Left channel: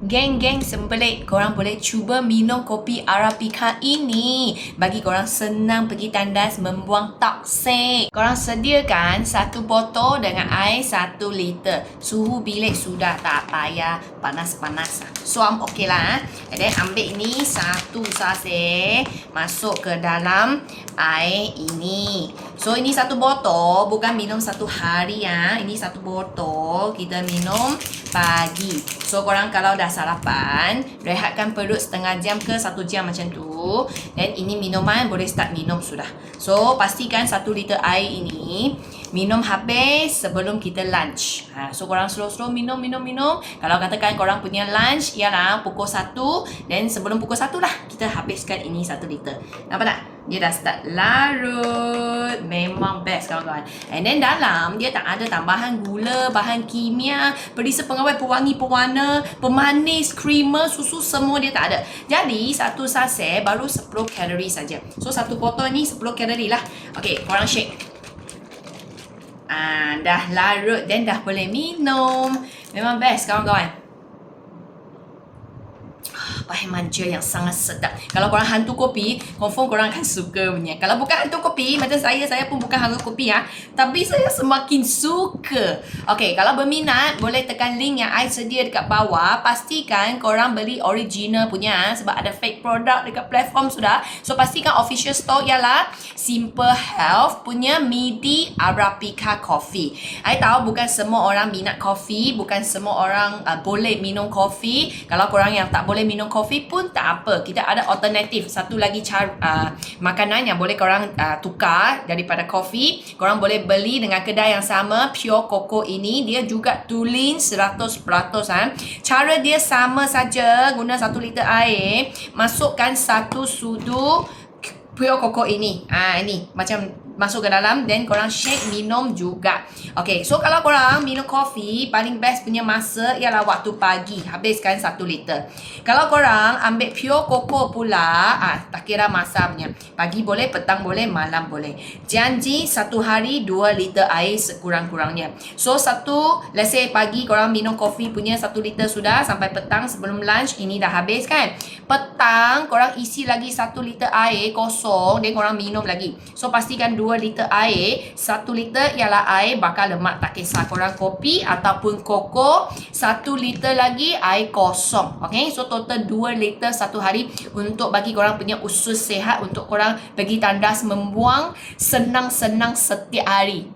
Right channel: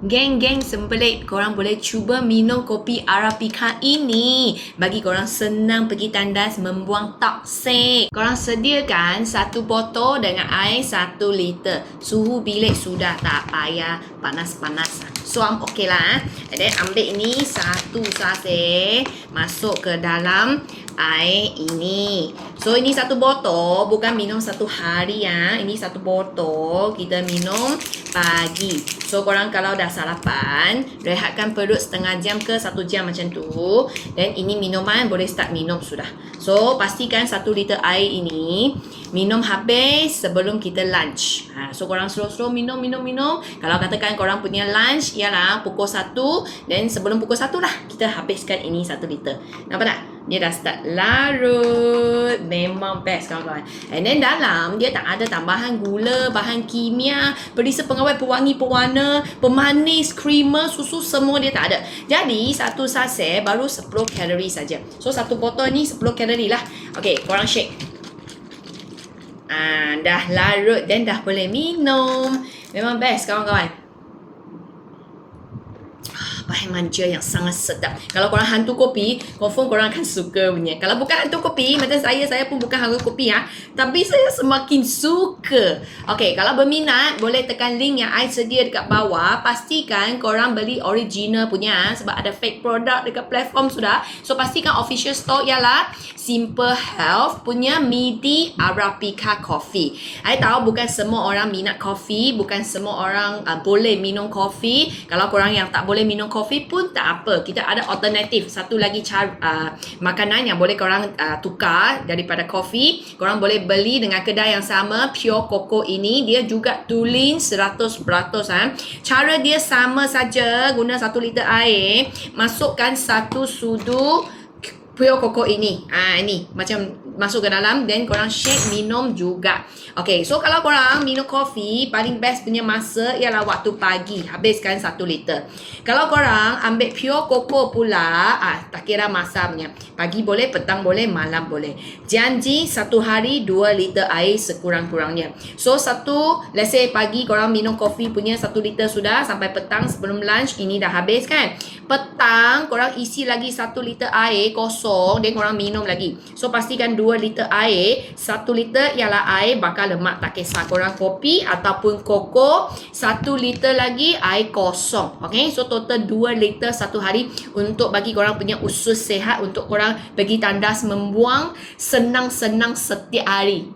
Geng-geng sembelit, korang boleh cuba minum kopi Arabica ini. Bagi korang senang pergi tandas membuang toksik. Korang sediakan 1 botol dengan air 1 liter. Suhu bilik sudah, tak payah panas-panas. So, okey lah. Dan ambil ini 1 sachet, masuk ke dalam air ini. So, ini 1 botol, bukan minum 1 hari ya. Ini 1 botol kita minum pagi. So, korang kalau dah sarapan, rehatkan perut setengah jam ke 1 jam macam tu. Dan ini minuman boleh start minum sudah. So, pastikan 1 liter air ini minum habis sebelum kita lunch. So, korang slow-slow minum. Kalau katakan korang punya lunch ialah pukul 1, dan sebelum pukul 1 lah kita habiskan ini 1 liter. Nampak tak? Dia dah start larut. Memang best kawan-kawan. And then dalam dia tak ada tambahan gula, bahan kimia, perisa pengawet, pewangi, pewarna, pemanis, creamer, susu, semua dia tak ada. Jadi 1 sachet baru 10 kalori saja. So 1 botol ni 10 kalori lah. Okey, korang shake. Dah larut dan dah boleh minum. Memang best kawan-kawan. Bahan manja yang sangat sedap. Kalau korang hantu kopi, confirm korang akan suka punya. Kalau bukan hantu kopi, macam saya pun bukan hantu kopi ya. Tapi saya semakin suka. Okey, kalau berminat, boleh tekan link yang I sedia dekat bawah. Pastikan korang beli original punya sebab ada fake product dekat platform sudah. So, pastikan official store ialah Simple Health punya Midi Arabica Coffee. I tahu bukan semua orang minat kopi, bukan semua orang boleh minum kopi. Kalau korang yang tak boleh minum kopi pun tak apa. Kita ada alternatif. Satu lagi cara makanan yang boleh korang tukar daripada kopi. Korang boleh beli dengan kedai yang sama, Pure Coco ini. Dia juga tulen 100%. Cara dia sama saja. Guna 1 liter air. Masukkan 1 sudu Pure Coco ini. Ini macam masuk ke dalam, then korang shake, minum juga. Okay, so kalau korang minum kopi, paling best punya masa ialah waktu pagi. Habiskan 1 liter. Kalau korang ambil Pure Coco pula, tak kira masa punya. Pagi boleh, petang boleh, malam boleh. Janji 1 hari 2 liter air sekurang-kurangnya. So let's say pagi korang minum kopi punya 1 liter sudah, sampai petang sebelum lunch, ini dah habis kan. Petang korang isi lagi 1 liter air kosong, dan korang minum lagi. So pastikan 2 liter air. 1 liter ialah air bakar lemak, tak kisah korang kopi ataupun koko. 1 liter lagi air kosong. Okay, so total 2 liter 1 hari untuk bagi korang punya usus sehat, untuk korang pergi tandas membuang senang-senang setiap hari.